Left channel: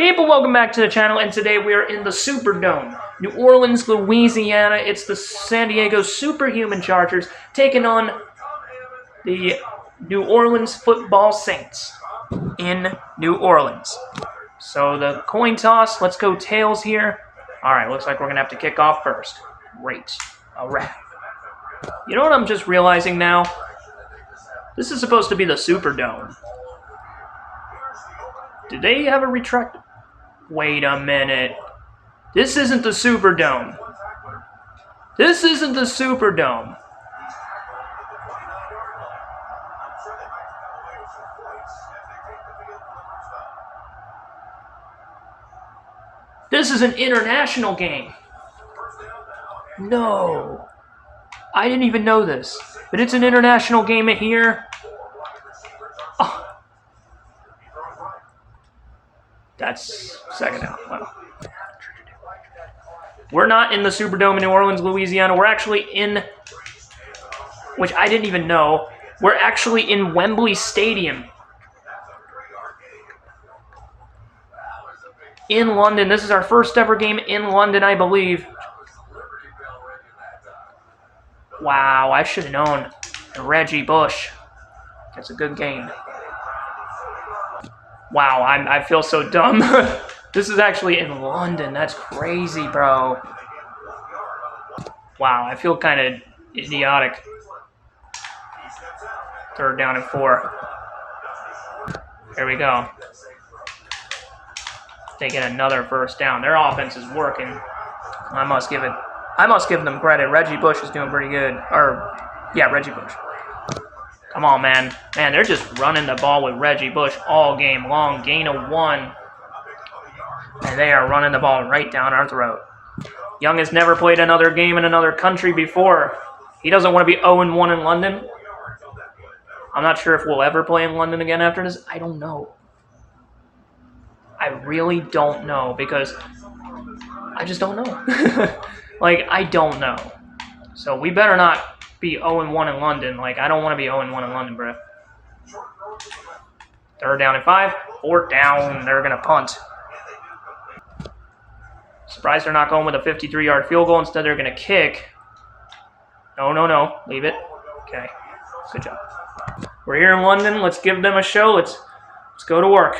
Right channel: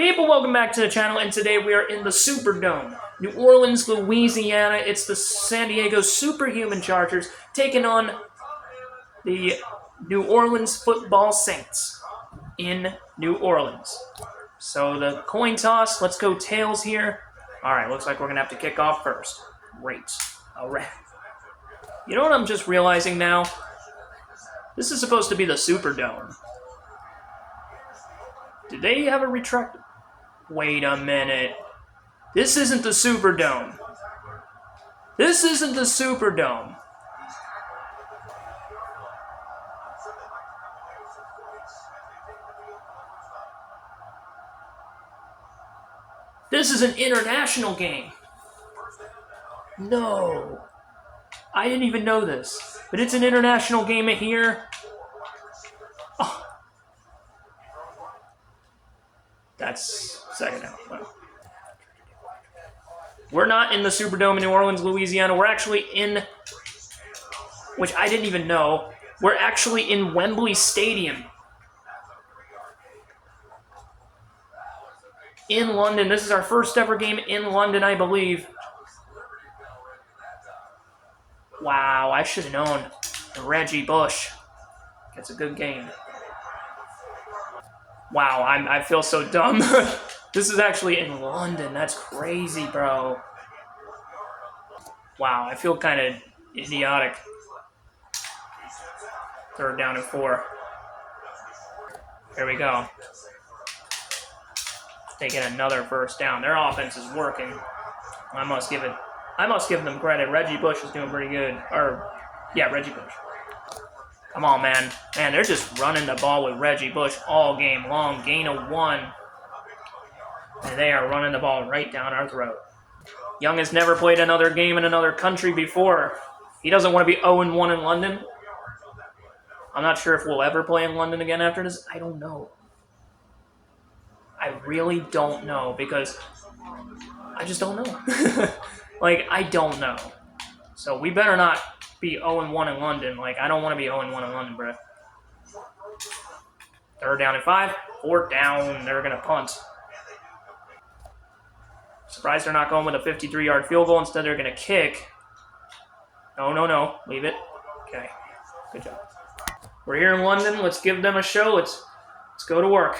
People, welcome back to the channel, and today we are in the Superdome, New Orleans, Louisiana. It's the San Diego Superhuman Chargers taking on the New Orleans Football Saints in New Orleans. So the coin toss, let's go tails here. All right, looks like we're going to have to kick off first. Great. All right. You know what I'm just realizing now? This is supposed to be the Superdome. Did they have a retract? Wait a minute. This isn't the Superdome. This isn't the Superdome. This is an international game. No. I didn't even know this. But it's an international game here. Oh. That's second down. Well, we're not in the Superdome in New Orleans, Louisiana. We're actually in, which I didn't even know, we're actually in Wembley Stadium in London. This is our first ever game in London, I believe. Wow, I should have known. Reggie Bush. That's a good game. Wow, I feel so dumb. This is actually in London. That's crazy, bro. Wow, I feel kind of idiotic. Third down and 4. Here we go. Taking another first down. Their offense is working. I must give them credit. Reggie Bush is doing pretty good. Yeah, Reggie Bush. Come on, man. Man, they're just running the ball with Reggie Bush all game long. Gain of 1. And they are running the ball right down our throat. Young has never played another game in another country before. He doesn't want to be 0-1 in London. I'm not sure if we'll ever play in London again after this. I don't know. I really don't know because I just don't know. Like, I don't know. So we better not be 0-1 in London. Like, I don't want to be 0-1 in London, bro. Third down and 5. Fourth down. They're going to punt. Surprised they're not going with a 53-yard field goal. Instead, they're going to kick. No. Leave it. Okay. Good job. We're here in London. Let's give them a show. Let's go to work.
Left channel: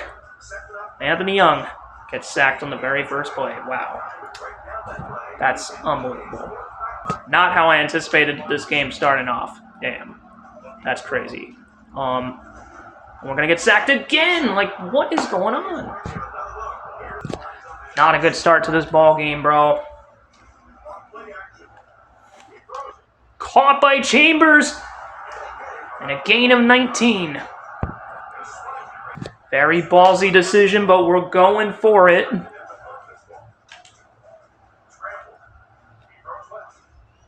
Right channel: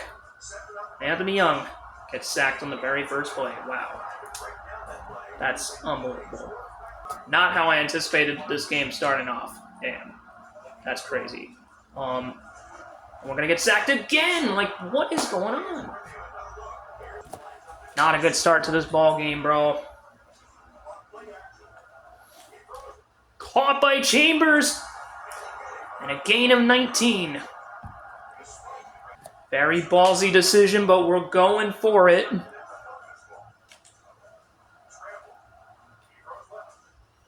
Anthony Young gets sacked on the very first play. Wow. That's unbelievable. Not how I anticipated this game starting off. Damn. That's crazy. We're going to get sacked again. Like, what is going on? Not a good start to this ball game, bro. Caught by Chambers. And a gain of 19. Very ballsy decision, but we're going for it.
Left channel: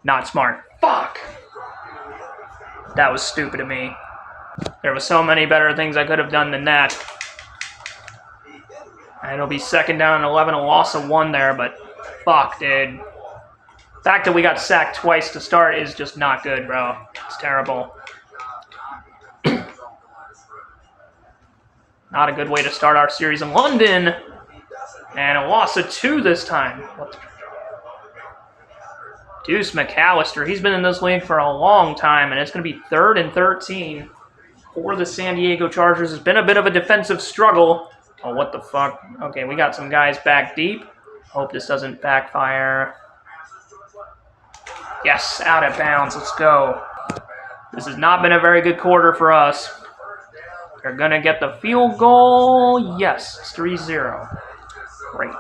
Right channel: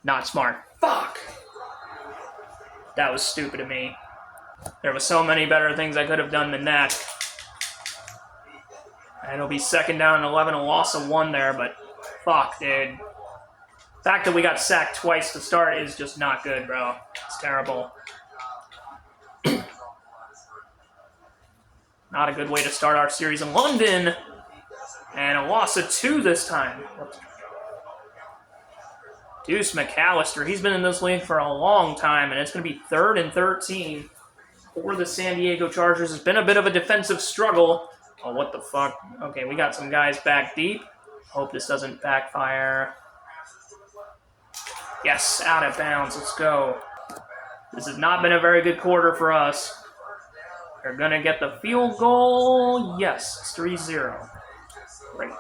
Not smart. Fuck! That was stupid of me. There were so many better things I could have done than that. And it'll be second down and 11, a loss of 1 there, but fuck, dude. The fact that we got sacked twice to start is just not good, bro. It's terrible. Not a good way to start our series in London. And a loss of 2 this time. Deuce McAllister, he's been in this league for a long time, and it's going to be 3rd and 13 for the San Diego Chargers. It's been a bit of a defensive struggle. Oh, what the fuck? Okay, we got some guys back deep. Hope this doesn't backfire. Yes, out of bounds. Let's go. This has not been a very good quarter for us. They're going to get the field goal. Yes, it's 3-0. Great.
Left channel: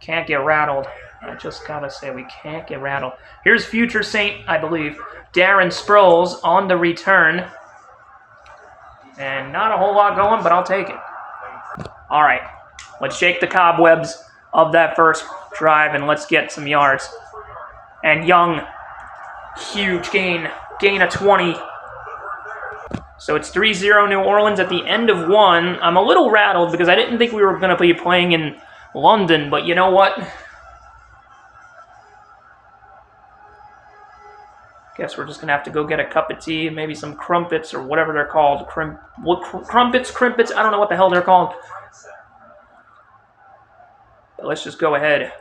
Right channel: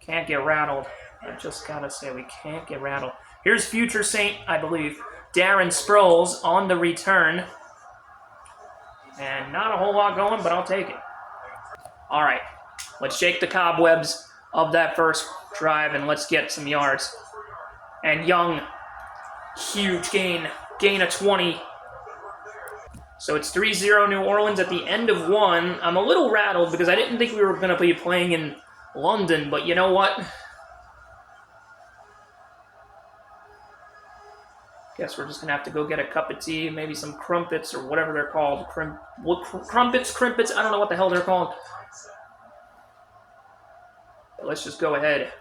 Can't get rattled. I just gotta say, we can't get rattled. Here's future Saint, I believe, Darren Sproles on the return. And not a whole lot going, but I'll take it. All right, let's shake the cobwebs of that first drive, and let's get some yards. And Young, huge gain of 20. So it's 3-0 New Orleans at the end of 1. I'm a little rattled because I didn't think we were going to be playing in London, but you know what? Guess we're just going to have to go get a cup of tea and maybe some crumpets or whatever they're called. Crumpets, crimpets, I don't know what the hell they're called. But let's just go ahead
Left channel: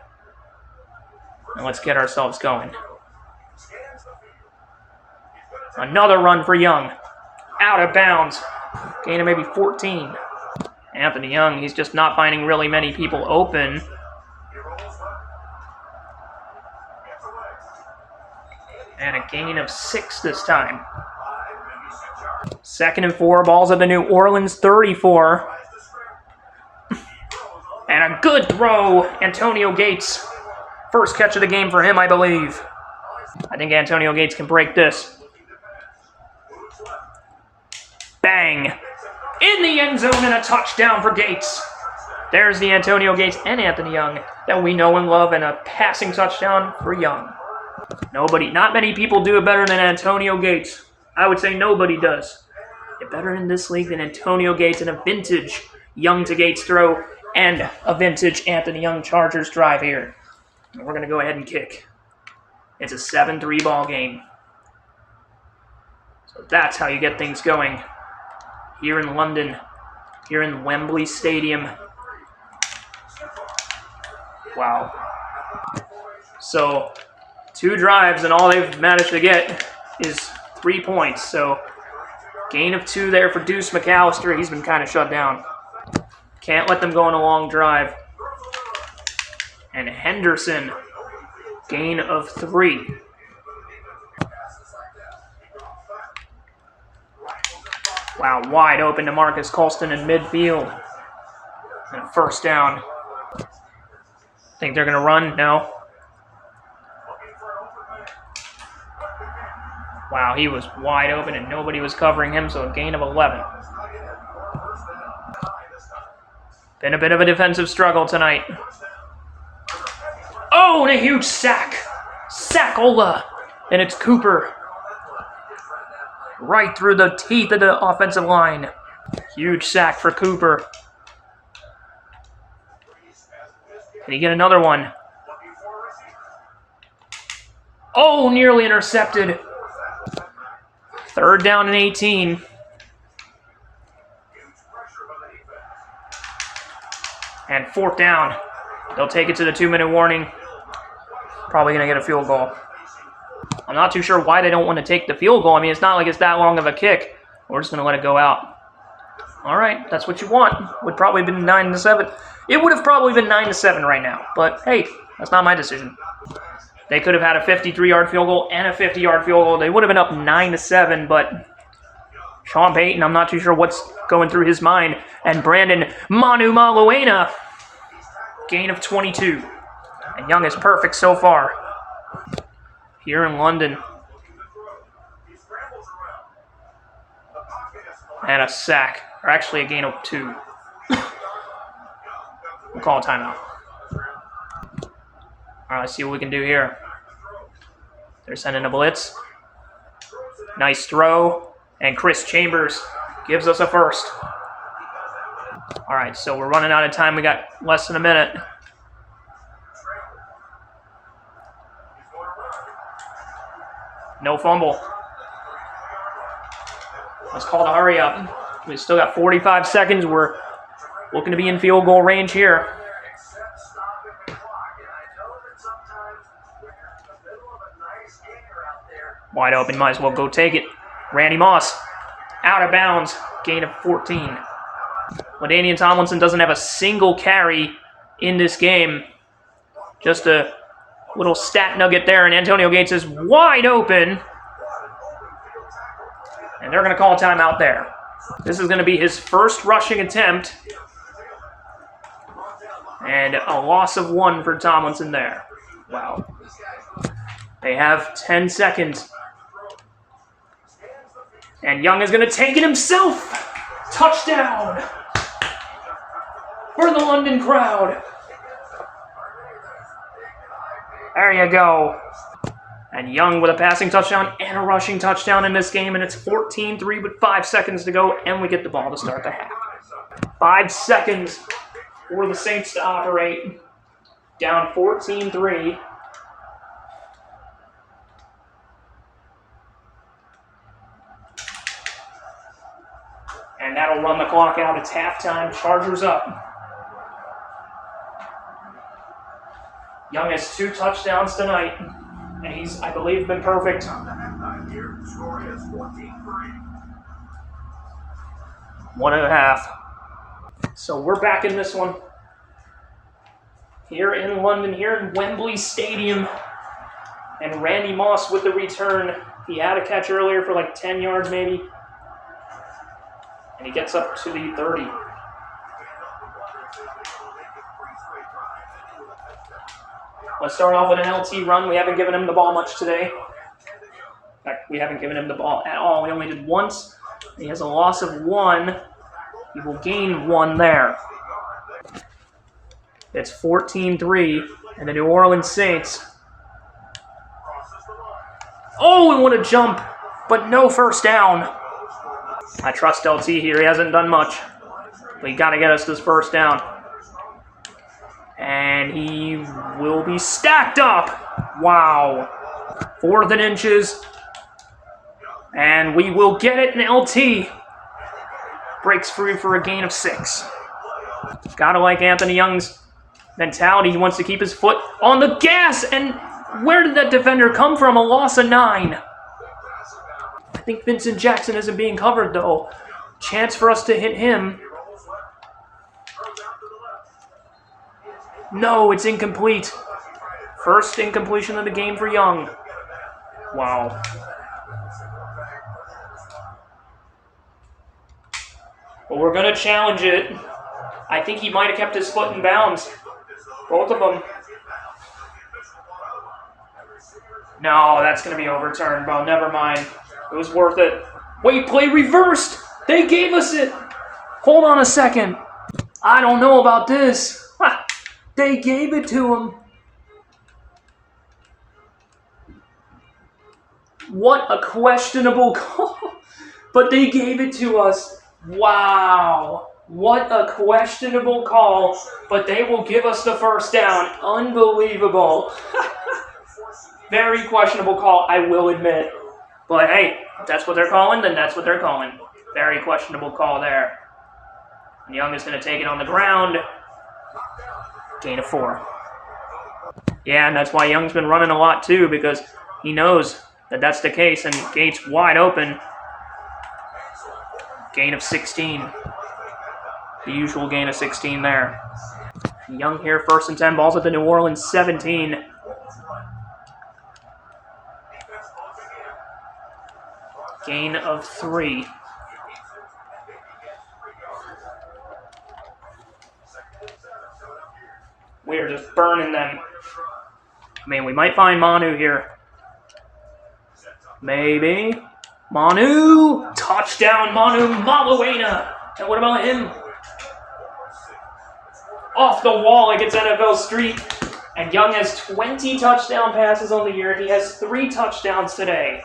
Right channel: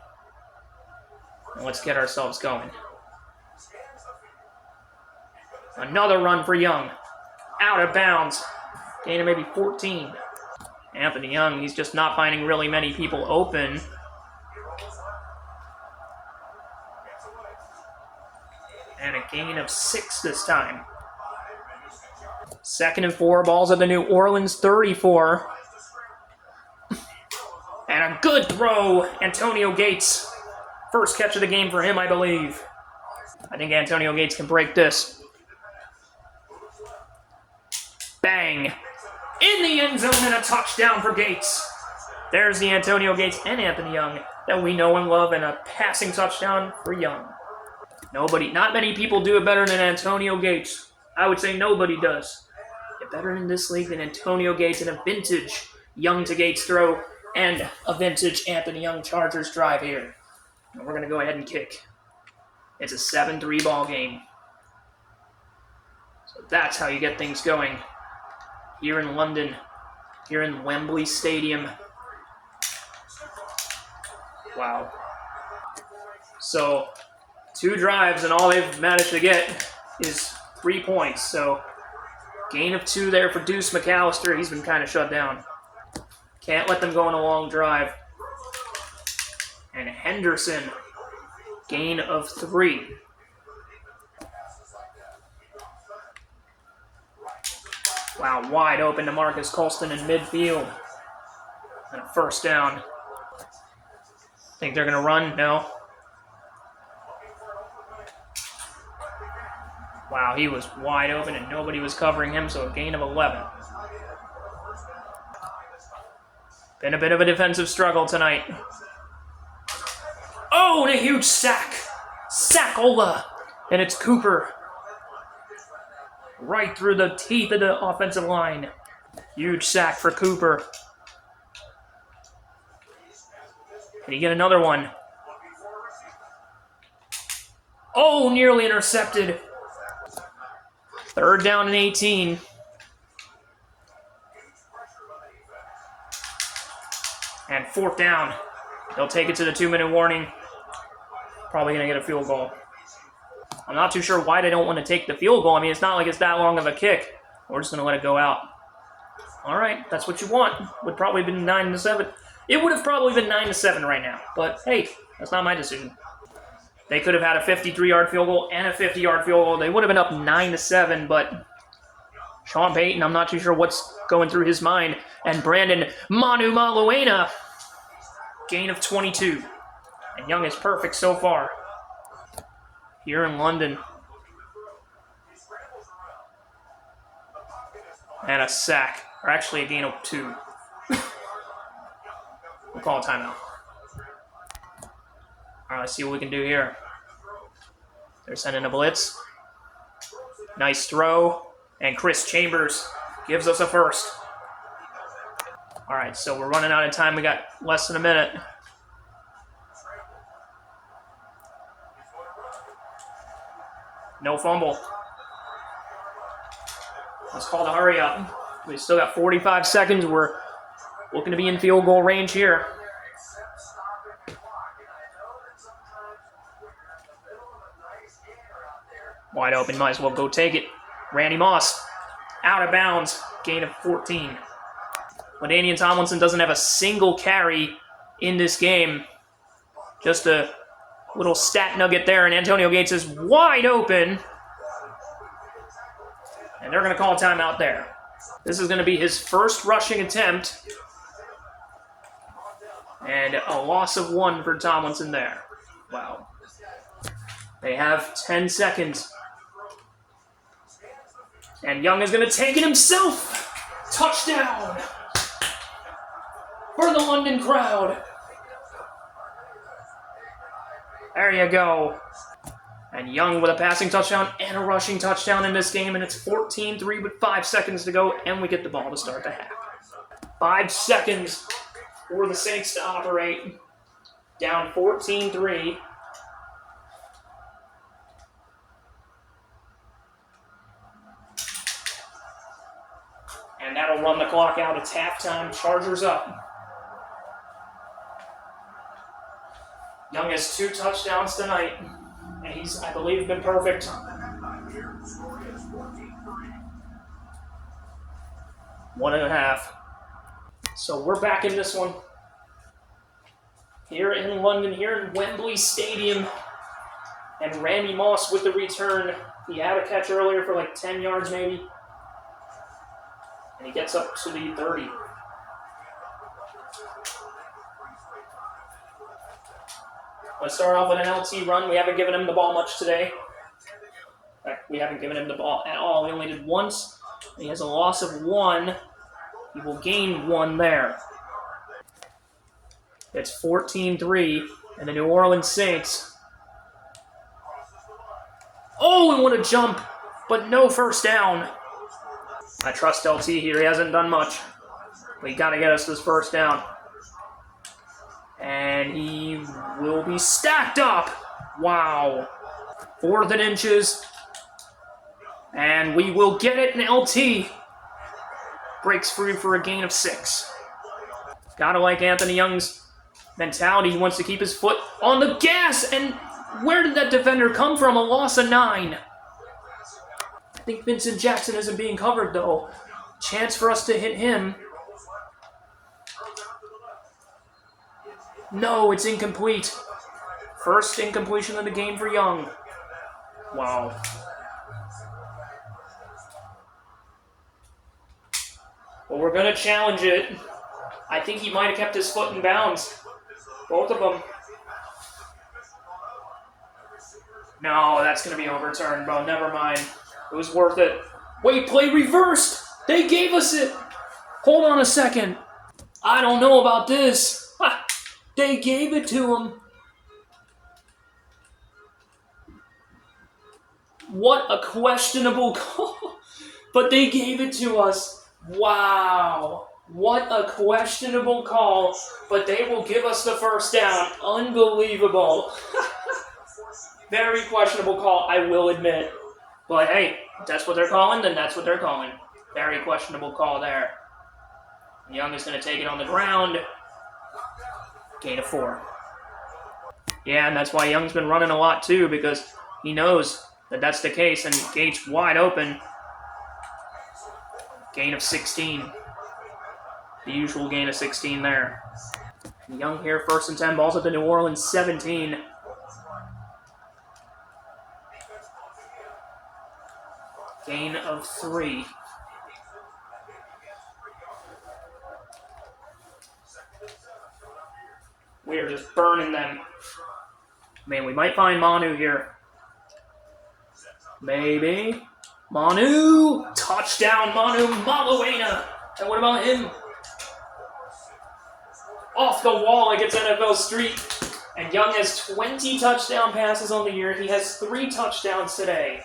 and let's get ourselves going. Another run for Young. Out of bounds. Gain of maybe 14. Anthony Young, he's just not finding really many people open. And a gain of 6 this time. 2nd and 4, balls at the New Orleans 34. And a good throw, Antonio Gates. First catch of the game for him, I believe. I think Antonio Gates can break this. Bang! In the end zone and a touchdown for Gates. There's the Antonio Gates and Anthony Young that we know and love, and a passing touchdown for Young. Not many people do it better than Antonio Gates. I would say nobody does. Get better in this league than Antonio Gates in a vintage Young to Gates throw and a vintage Anthony Young Chargers drive here. And we're going to go ahead and kick. It's a 7-3 ball game. So that's how you get things going. Here in London, here in Wembley Stadium. Wow. So, 2 drives, and all they've managed to get is 3 points. So, gain of 2 there for Deuce McAllister. He's been kind of shut down. Can't let them go on a long drive. And Henderson, gain of 3. Wow, wide open to Marcus Colston in midfield. And first down. Think they're going to run? No. Wow, he was wide open and nobody was covering him, so a gain of 11. Been a bit of a defensive struggle tonight. Oh, and a huge sack. Sackola. And it's Cooper. Right through the teeth of the offensive line. Huge sack for Cooper. Can he get another one? Oh, nearly intercepted. 3rd down and 18. And 4th down. They'll take it to the 2-minute warning. Probably going to get a field goal. I'm not too sure why they don't want to take the field goal. I mean, it's not like it's that long of a kick. We're just going to let it go out. All right, that's what you want. Would probably have been 9-7. It would have probably been 9-7 right now. But, hey, that's not my decision. They could have had a 53-yard field goal and a 50-yard field goal. They would have been up 9-7, but Sean Payton, I'm not too sure what's going through his mind. And Brandon Manu Maluena, gain of 22. And Young is perfect so far. Here in London. And a sack. Or actually a gain of 2. We'll call a timeout. Alright, let's see what we can do here. They're sending a blitz. Nice throw. And Chris Chambers gives us a first. Alright, so we're running out of time. We got less than a minute. No fumble. Let's call the hurry up. We've still got 45 seconds. We're looking to be in field goal range here. Wide open, might as well go take it. Randy Moss, out of bounds, gain of 14. LaDainian Tomlinson doesn't have a single carry in this game. Just a little stat nugget there, and Antonio Gates is wide open. And they're going to call a timeout there. This is going to be his first rushing attempt. And a loss of 1 for Tomlinson there. Wow. They have 10 seconds. And Young is going to take it himself. Touchdown for the London crowd. There you go. And Young with a passing touchdown and a rushing touchdown in this game. And it's 14-3 with 5 seconds to go. And we get the ball to start the half. 5 seconds for the Saints to operate. Down 14-3. And that'll run the clock out. It's halftime. Chargers up. Young has 2 touchdowns tonight, and he's, I believe, been perfect. 1.5. So we're back in this one. Here in London, here in Wembley Stadium. And Randy Moss with the return. He had a catch earlier for like 10 yards maybe. And he gets up to the 30. Let's start off with an LT run. We haven't given him the ball much today. In fact, we haven't given him the ball at all. We only did once. He has a loss of 1. He will gain 1 there. It's 14-3, and the New Orleans Saints. Oh, and what a jump, but no first down. I trust LT here. He hasn't done much, but he got to get us this first down. And he will be stacked up. Wow. 4th and inches. And we will get it, and LT breaks free for a gain of 6. Gotta like Anthony Young's mentality. He wants to keep his foot on the gas. And where did that defender come from? A loss of 9. I think Vincent Jackson isn't being covered, though. Chance for us to hit him. No, it's incomplete. First incompletion of the game for Young. Wow. Well, we're going to challenge it. I think he might have kept his foot in bounds. Both of them. No, that's going to be overturned, bro. Never mind. It was worth it. Wait, play reversed. They gave us it. Hold on a second. I don't know about this. Ha! They gave it to him. What a questionable call. But they gave it to us. Wow. What a questionable call. But they will give us the first down. Unbelievable. Very questionable call, I will admit. But hey, if that's what they're calling, then that's what they're calling. Very questionable call there. And Young is going to take it on the ground. Gain of 4. Yeah, and that's why Young's been running a lot too, because he knows that that's the case, and Gates wide open. Gain of 16. The usual gain of 16 there. Young here, 1st and 10, balls at the New Orleans 17. Gain of 3. We're just burning them. I mean, we might find Manu here. Maybe. Manu! Touchdown, Manu Maluena! And what about him? Off the wall against NFL Street. And Young has 20 touchdown passes on the year. He has 3 touchdowns today.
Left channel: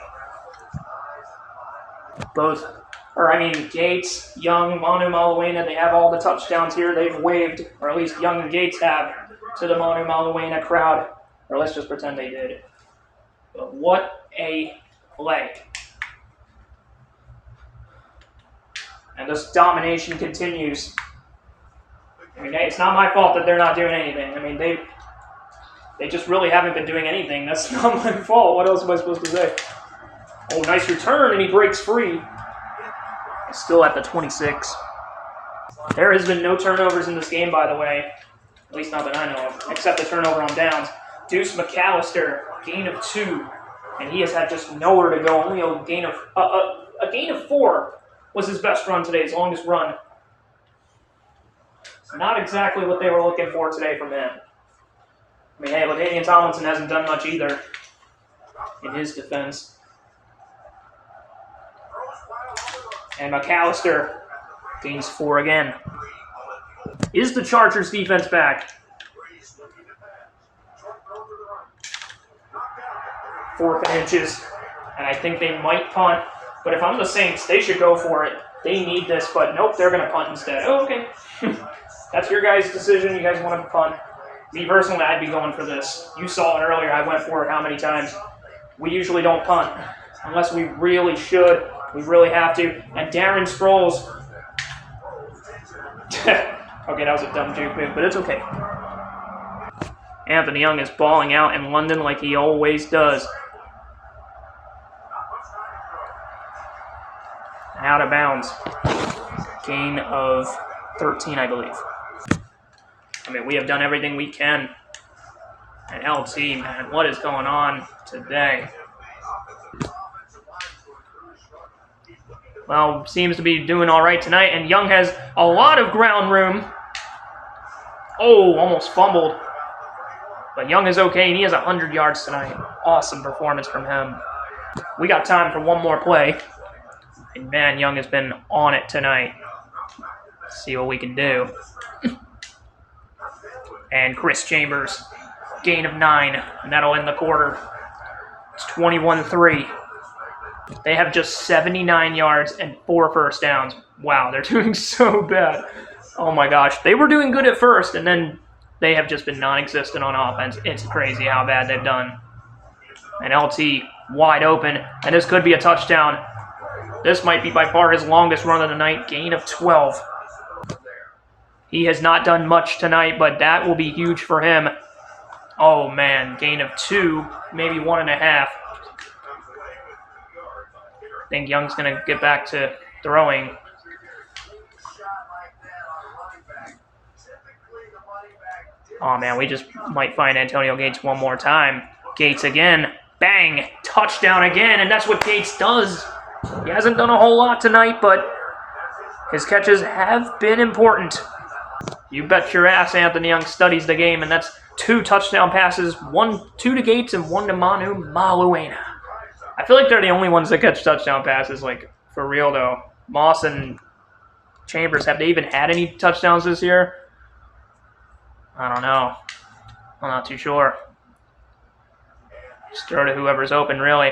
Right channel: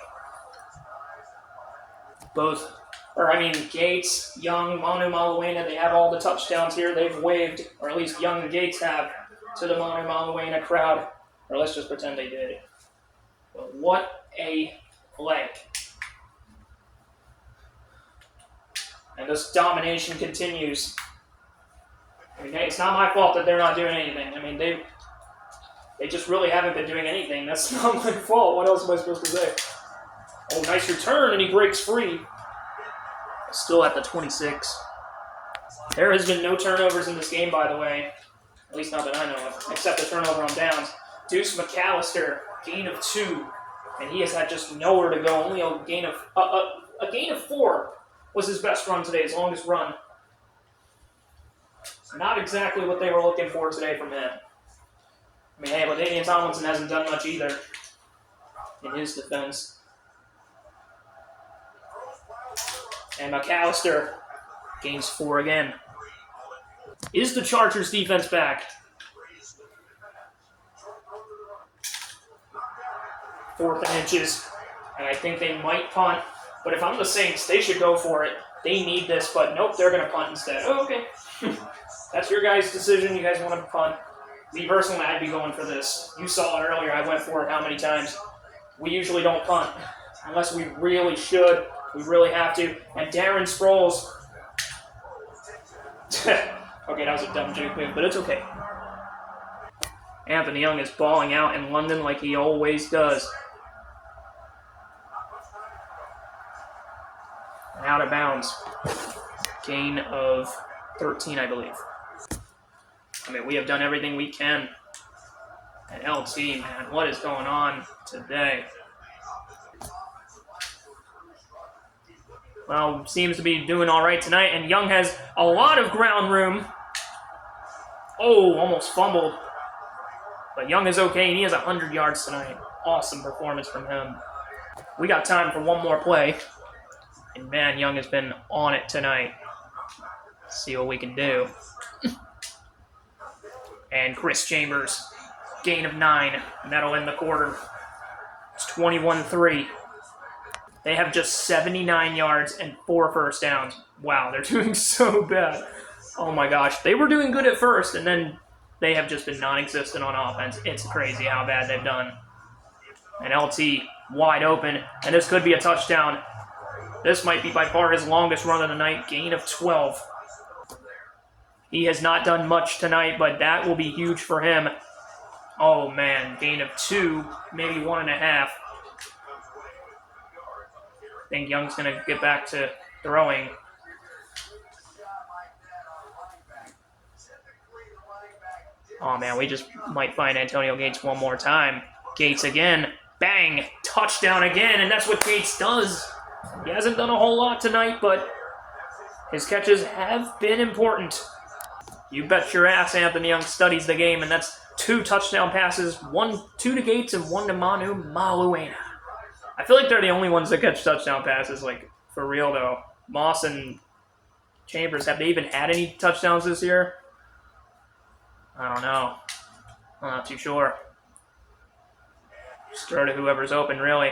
Gates, Young, Manu Maluena, they have all the touchdowns here. They've waved, or at least Young and Gates have, to the Manu Maluena crowd. Or let's just pretend they did. But what a play. And this domination continues. I mean, it's not my fault that they're not doing anything. I mean, they just really haven't been doing anything. That's not my fault. What else am I supposed to say? Oh, nice return, and he breaks free. Still at the 26. There has been no turnovers in this game, by the way. At least not that I know of, except the turnover on downs. Deuce McAllister, gain of 2. And he has had just nowhere to go. Only a gain of 4 was his best run today, his longest run. Not exactly what they were looking for today from him. I mean, hey, LaDainian Tomlinson hasn't done much either in his defense. And McAllister gains 4 again. Is the Chargers defense back? 4th and inches. And I think they might punt. But if I'm the Saints, they should go for it. They need this, but nope, they're going to punt instead. Oh, okay. That's your guys' decision. You guys want to punt. Me personally, I'd be going for this. You saw it earlier. I went for it how many times? We usually don't punt. Unless we really should. We really have to. And Darren Sproles. Okay, that was a dumb juke move, but it's okay. Anthony Young is balling out in London like he always does. Out of bounds. Gain of 13, I believe. I mean, we have done everything we can. And LT, man, what is going on today? Well, seems to be doing all right tonight, and Young has a lot of ground room. Oh, almost fumbled. But Young is okay, and he has 100 yards tonight. Awesome performance from him. We got time for one more play. And man, Young has been on it tonight. Let's see what we can do. And Chris Chambers, gain of 9, and that'll end the quarter. It's 21-3. They have just 79 yards and 4 first downs. Wow, they're doing so bad. Oh my gosh. They were doing good at first, and then they have just been non-existent on offense. It's crazy how bad they've done. And LT wide open, and this could be a touchdown. This might be by far his longest run of the night. Gain of 12. He has not done much tonight, but that will be huge for him. Oh man, gain of 2, maybe 1.5. I think Young's going to get back to throwing. Oh man, we just might find Antonio Gates one more time. Gates again. Bang! Touchdown again, and that's what Gates does. He hasn't done a whole lot tonight, but his catches have been important. You bet your ass Anthony Young studies the game, and that's 2 touchdown passes, 2 to Gates and 1 to Manu Maluena. I feel like they're the only ones that catch touchdown passes, like, for real, though. Moss and Chambers, have they even had any touchdowns this year? I don't know. I'm not too sure. Just throw to whoever's open, really.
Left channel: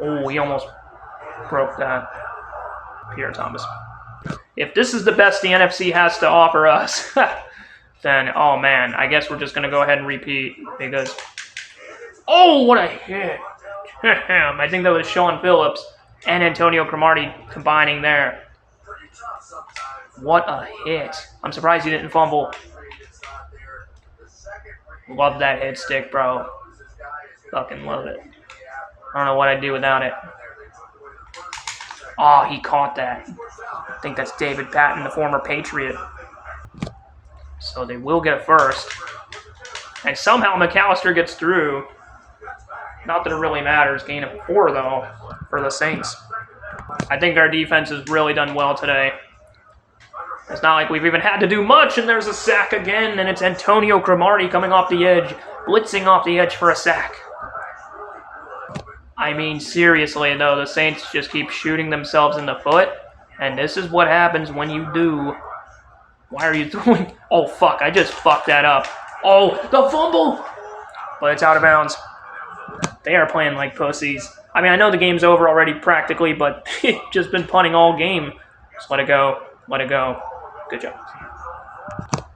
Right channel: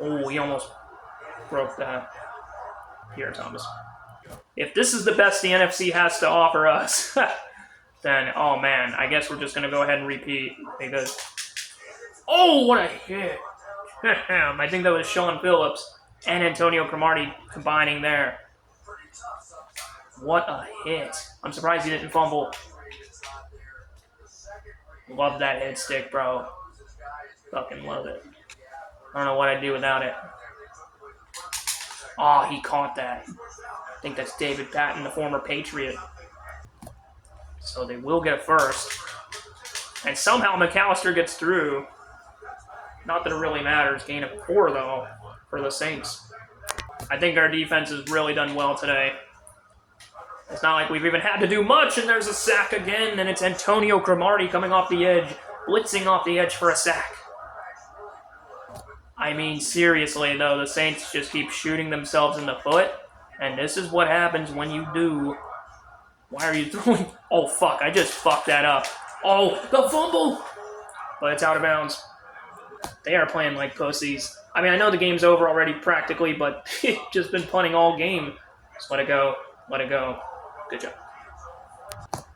Oh, he almost broke that. Pierre Thomas. If this is the best the NFC has to offer us, then, oh man, I guess we're just going to go ahead and repeat because... Oh, what a hit! I think that was Sean Phillips and Antonio Cromartie combining there. What a hit. I'm surprised he didn't fumble. Love that hit stick, bro. Fucking love it. I don't know what I'd do without it. Oh, he caught that. I think that's David Patton, the former Patriot. So they will get a first. And somehow McAllister gets through. Not that it really matters. Gain of 4, though, for the Saints. I think our defense has really done well today. It's not like we've even had to do much, and there's a sack again, and it's Antonio Cromartie coming off the edge, blitzing off the edge for a sack. I mean, seriously, though, the Saints just keep shooting themselves in the foot, and this is what happens when you do. Why are you throwing? Oh, fuck, I just fucked that up. Oh, the fumble! But it's out of bounds. They are playing like pussies. I mean, I know the game's over already practically, but just been punting all game. Just let it go. Let it go. Good job.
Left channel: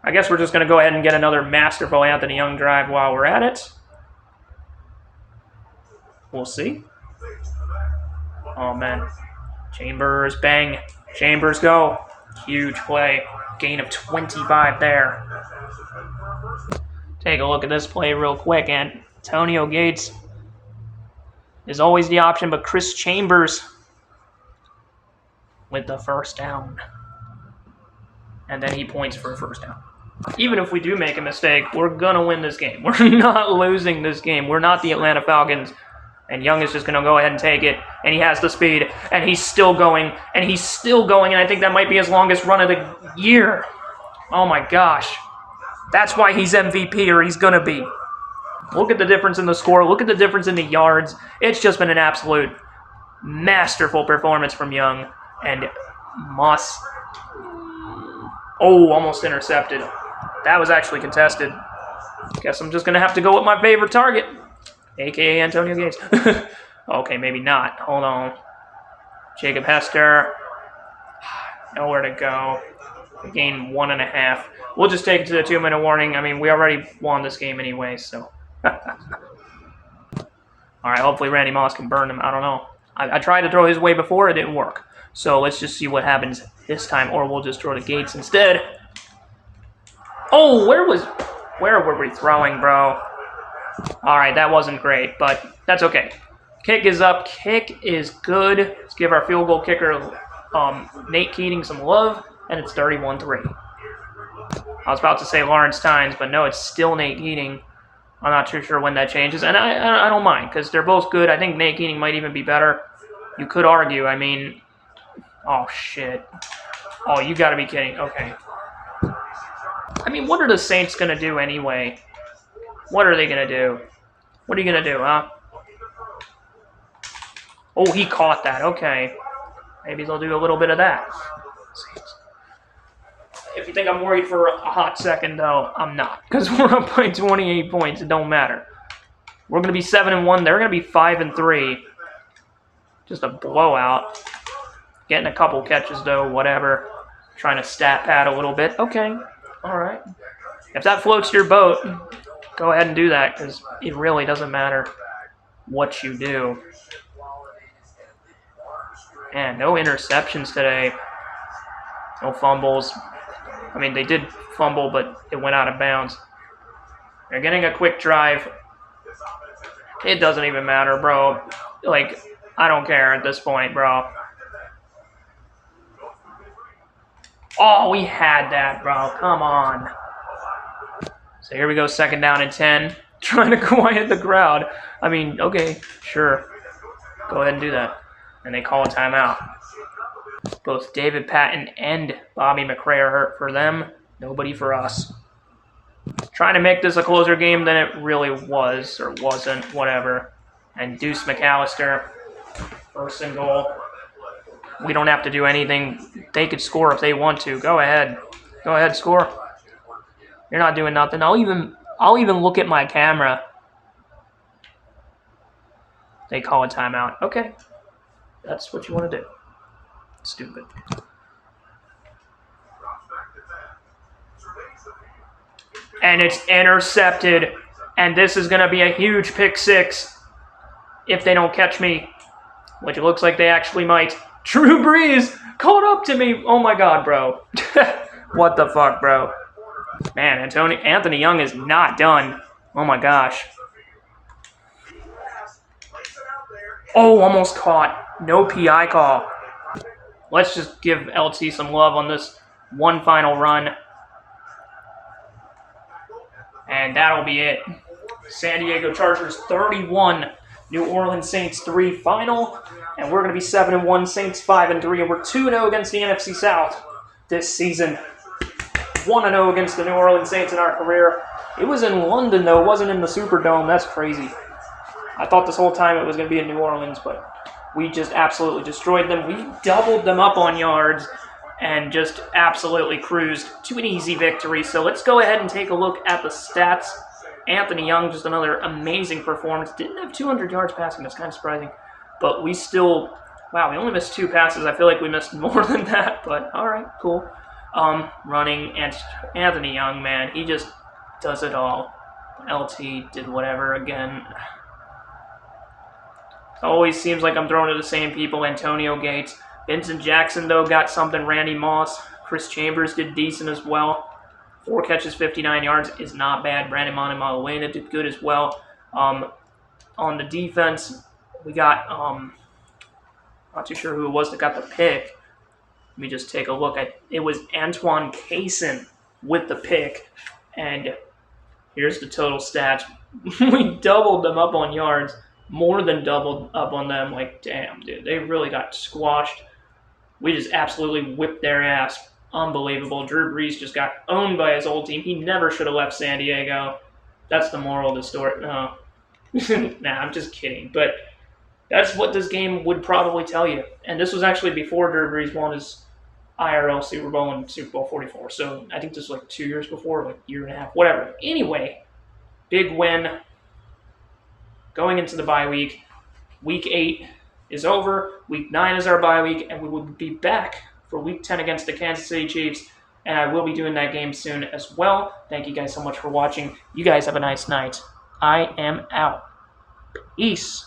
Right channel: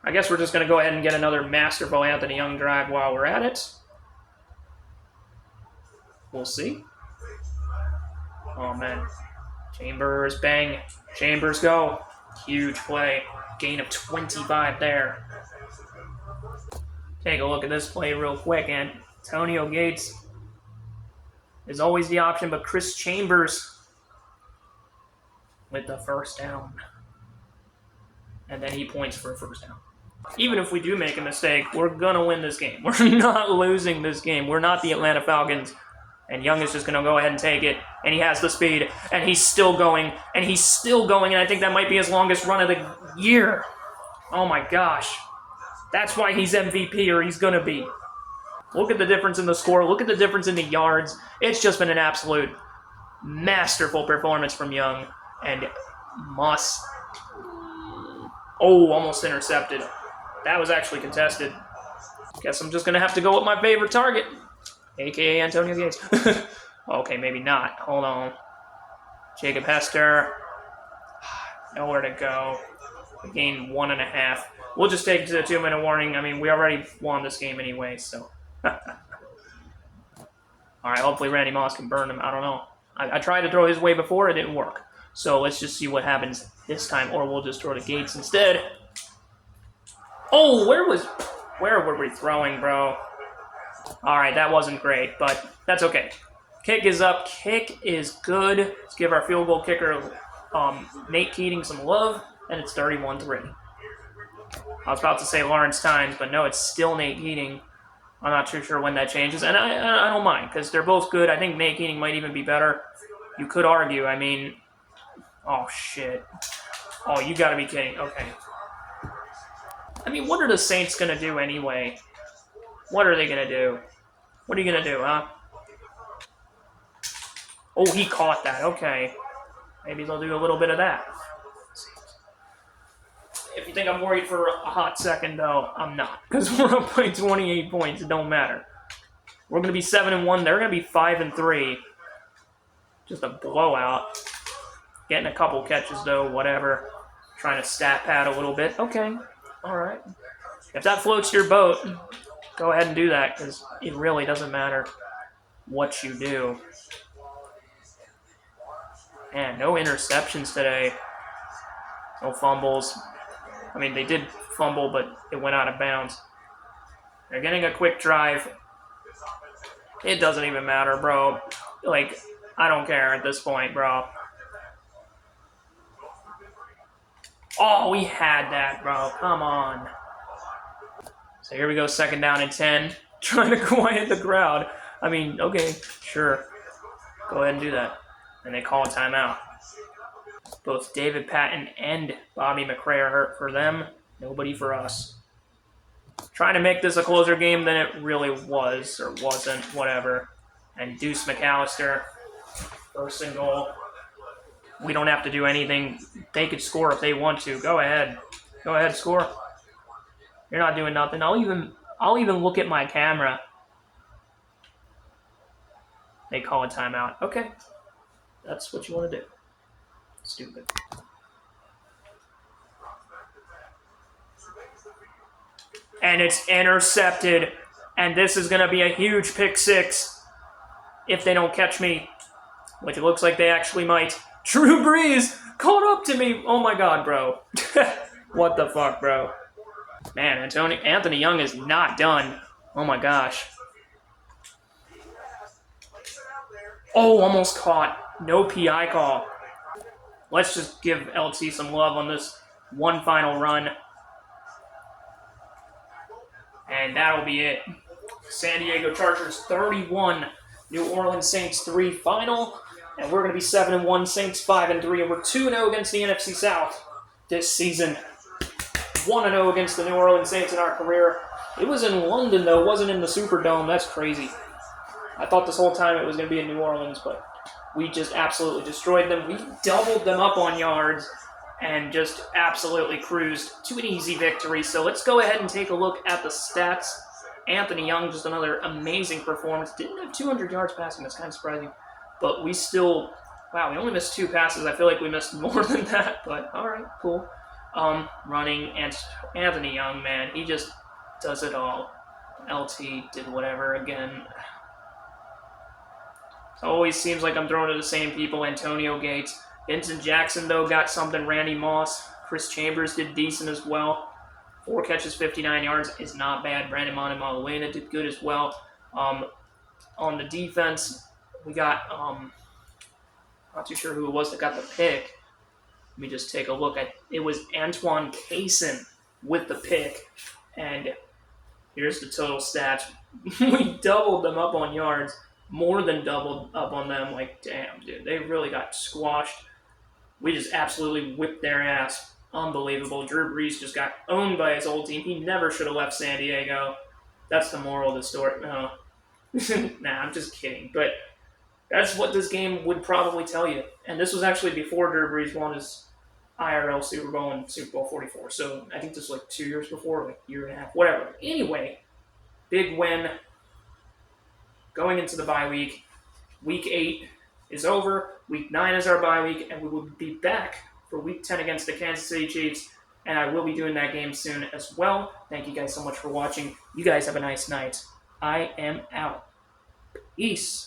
I guess we're just going to go ahead and get another masterful Anthony Young drive while we're at it. We'll see. Oh, man. Chambers, bang. Chambers, go. Huge play. Gain of 25 there. Take a look at this play real quick. Antonio Gates is always the option, but Chris Chambers with the first down. And then he points for a first down. Even if we do make a mistake, we're going to win this game. We're not losing this game. We're not the Atlanta Falcons. And Young is just going to go ahead and take it. And he has the speed. And he's still going. And he's still going. And I think that might be his longest run of the year. Oh my gosh. That's why he's MVP, or he's going to be. Look at the difference in the score. Look at the difference in the yards. It's just been an absolute masterful performance from Young. And Moss. Oh, almost intercepted. That was actually contested. Guess I'm just going to have to go with my favorite target, a.k.a. Antonio Gates. Okay, maybe not. Hold on. Jacob Hester. Nowhere to go. Gain 1.5. We'll just take it to the 2-minute warning. I mean, we already won this game anyway, so. All right, hopefully Randy Moss can burn him. I don't know. I tried to throw his way before, it didn't work. So let's just see what happens this time, or we'll just throw to Gates instead. Oh, where were we throwing, bro? All right, that wasn't great, but that's okay. Kick is up. Kick is good. Let's give our field goal kicker, Nate Keating, some love, and it's 31-3. I was about to say Lawrence Tynes, but no, it's still Nate Keating. I'm not too sure when that changes, and I don't mind, because they're both good. I think Nate Keating might even be better. You could argue. I mean, oh, shit. Oh, you got to be kidding. Okay. I mean, what are the Saints going to do anyway? What are they going to do? What are you going to do, huh? Oh, he caught that. Okay. Maybe they'll do a little bit of that. If you think I'm worried for a hot second, though, I'm not. Because we're up by 28 points. It don't matter. We're going to be 7-1. They're going to be 5-3. Just a blowout. Getting a couple catches, though. Whatever. Trying to stat pad a little bit. Okay. All right. If that floats your boat, go ahead and do that. Because it really doesn't matter what you do. Man, no interceptions today. No fumbles. I mean, they did fumble, but it went out of bounds. They're getting a quick drive. It doesn't even matter, bro. Like, I don't care at this point, bro. Oh, we had that, bro. Come on. So here we go, 2nd down and 10. Trying to quiet the crowd. I mean, okay, sure. Go ahead and do that. And they call a timeout. Both David Patton and Bobby McRae are hurt for them. Nobody for us. Trying to make this a closer game than it really was, or wasn't, whatever. And Deuce McAllister, 1st and goal. We don't have to do anything. They could score if they want to. Go ahead. Go ahead, score. You're not doing nothing. I'll even look at my camera. They call a timeout. Okay. That's what you want to do. Stupid. And it's intercepted. And this is going to be a huge pick 6 if they don't catch me, which it looks like they actually might. Drew Brees caught up to me. Oh my God, bro. What the fuck, bro? Man, Anthony Young is not done. Oh my gosh. Oh, almost caught. No PI call. Let's just give LT some love on this one final run. And that'll be it. San Diego Chargers 31, New Orleans Saints 3 final. And we're going to be 7-1, Saints 5-3. And we're 2-0 against the NFC South this season. 1-0 against the New Orleans Saints in our career. It was in London, though. It wasn't in the Superdome. That's crazy. I thought this whole time it was going to be in New Orleans, but we just absolutely destroyed them. We doubled them up on yards and just absolutely cruised to an easy victory. So let's go ahead and take a look at the stats. Anthony Young, just another amazing performance. Didn't have 200 yards passing. That's kind of surprising. But we still, wow, we only missed 2 passes. I feel like we missed more than that, but all right, cool. Running, and Anthony Young, man, he just does it all. LT did whatever again. It always seems like I'm throwing to the same people. Antonio Gates. Vincent Jackson, though, got something. Randy Moss. Chris Chambers did decent as well. 4 catches, 59 yards is not bad. Brandon Montemalawana did good as well. On the defense, we got, not too sure who it was that got the pick. Let me just take a look at, it was Antoine Cason with the pick. And here's the total stats. We doubled them up on yards. More than doubled up on them. Like, damn, dude. They really got squashed. We just absolutely whipped their ass. Unbelievable. Drew Brees just got owned by his old team. He never should have left San Diego. That's the moral of the story. No. Nah, I'm just kidding. But that's what this game would probably tell you. And this was actually before Drew Brees won his IRL Super Bowl and Super Bowl 44. So I think this was like 2 years before, like a year and a half, whatever. Anyway, big win. Going into the bye week. Week 8 is over. Week 9 is our bye week, and we will be back for Week 10 against the Kansas City Chiefs. And I will be doing that game soon as well. Thank you guys so much for watching. You guys have a nice night. I am out. Peace.